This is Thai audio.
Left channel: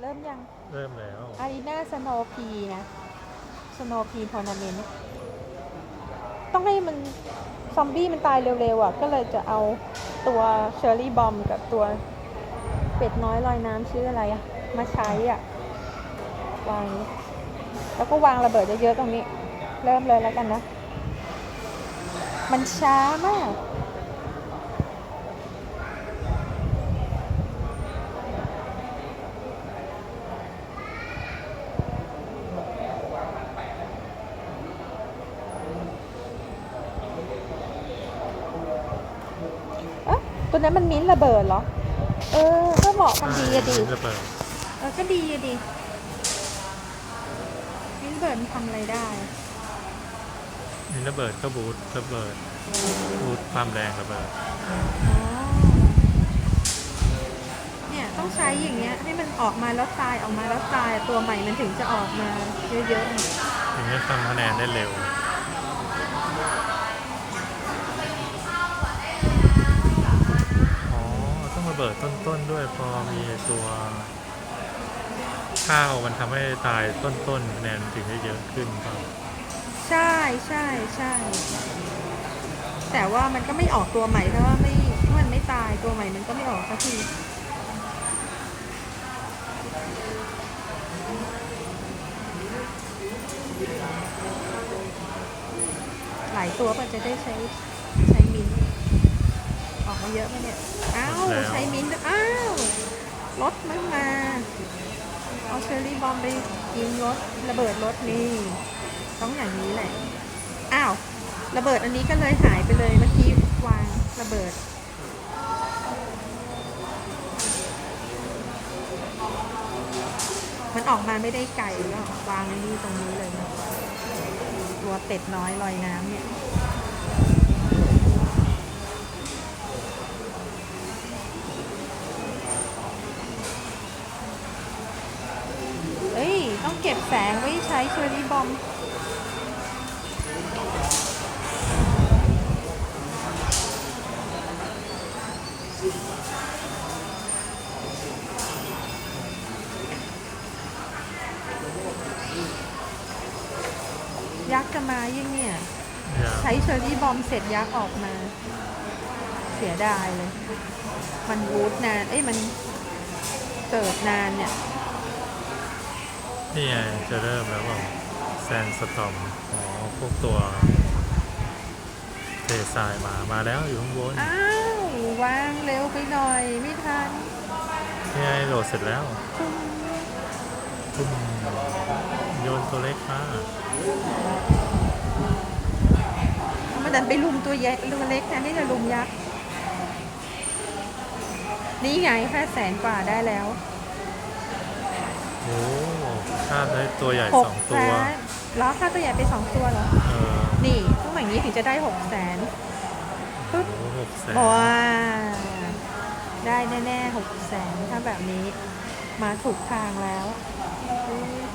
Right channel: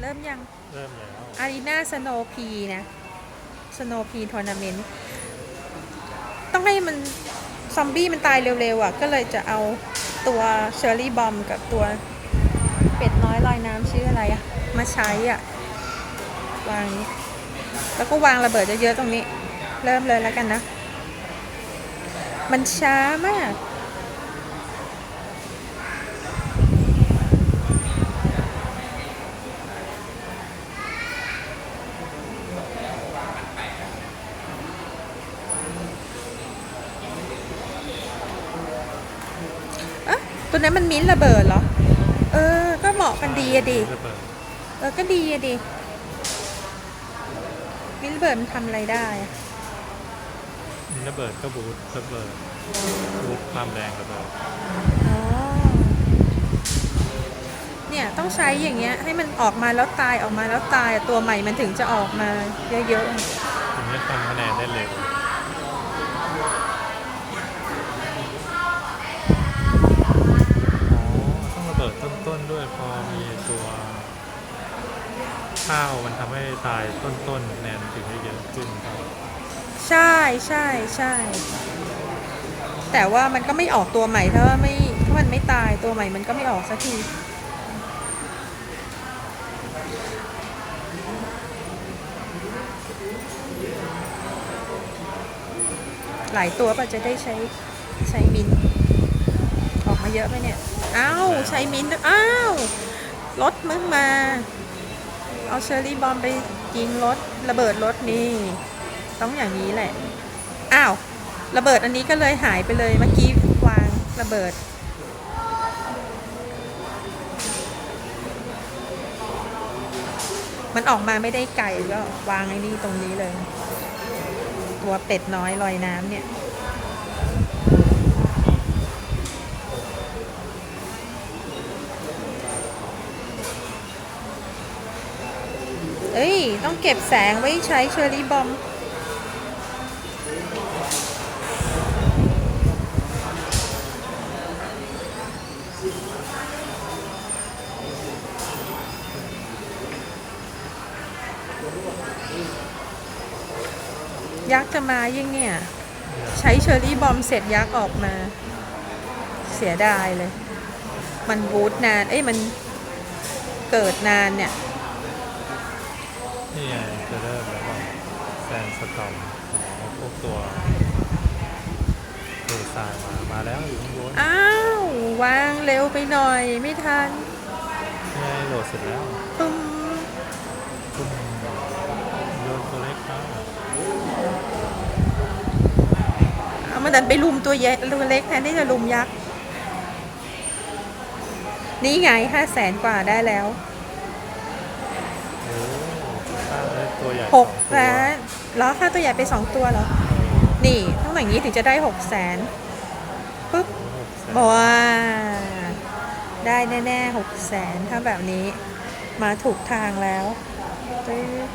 เริ่มยัง เริ่มแล้วอารีนาสโนพีนะสโนพีทัวร์นาเมนต์ต้องให้มัน ซอมบี้มันตายเร็วๆอะ ก็เลยจะเอาตัวเชอร์รี่บอมกับตัวเป็ดน้อยลอยน้ำชื่ออะไรอะ มาใช้อะ วางนี้ แล้วก็วางระเบิดเยอะๆตรงนี้ เริ่มเลยแล้วกันนะ มันช้ามาก ตัวนั้นมันมิ้นท์ระเบิดเหรอ เออ ก็เหมาะกันดีอะดีระเบิดเออ ก็ดีอะดีมิ้นท์ระเบิดมันทำอะไรได้อะมีระเบิดก็บูทระเบิดบูทความแรงระเบิดอ๋อ เนี่ยต้องใช้อย่างเงี้ย ให้มันออกมาแล้วตายออกมาแล้วตายอะตัวใหม่มันถึงจะออกมาเยอะถึงจะทำคะแนนได้เร็ว นด้วยพอมีตัวข้าวมันทำให้ตายต้นๆแนนถึงได้เยอะขึ้นครับใช่ใช่ใช่ แต่ว่ามันก็ไม่ออกตัวใหม่ถ้าไม่ถ้ามันไม่ตายตัวใหม่มันก็ไม่ออกสักที หลายตัวป่ะจะได้ใช้ใช้มินออกมาเยอะไหมเนี่ย อ้าวใช้มิ้นท์ด้วยอ้าวรถมึงมา เอาเชอร์รี่บอมไปยิงรถระเบิดรถนี่ ต้องอย่างนี้แหละ อ้าว ระเบิดอันนี้ก็เลยหายไปเลยเมื่อกี้วางระเบิด มันออกมาไม่ได้ไกลก็วางไอ้นี่ตรงนี้เลย ตัวเป็ดน้อยลอยน้ำเนี่ย ต้องเก็บแสงไว้ใช้เชอร์รี่บอมยักษ์จะมายิ่งเนี่ย ใช้เชอร์รี่บอมเสร็จยักษ์ออกมา เสียดายเลย มันวูดนาน เอ้ยมันเกิดนานเนี่ย นี่ไงจะเริ่มแล้วบอกแซนสตอมอ๋อพวกตัวเททรายมามาแล้วอยู่ข้างบนอ้าววางเร็วไปหน่อยไม่ทันนี่ไงโหลดเสร็จแล้วปึ้มปุ้มโยนตัวเล็กมาเอามาดันไปลุมตัวใหญ่ตัวเล็กแทนที่จะลุมยักษ์นี่ไงห้าแสนกว่าได้แล้วโอ้ข้ามได้ ตัวใหญ่หสกองตัว ล้านล้อค่าตัวใหญ่ไปสองตัวเหรอเออนี่ต้องอย่างนี้ถึงจะได้หกแสนปึ๊บโอ้หกแสนบอกว่า ได้แน่ๆหกแสนถ้าแบบนี้มาถูกทางแล้วปึ๊บ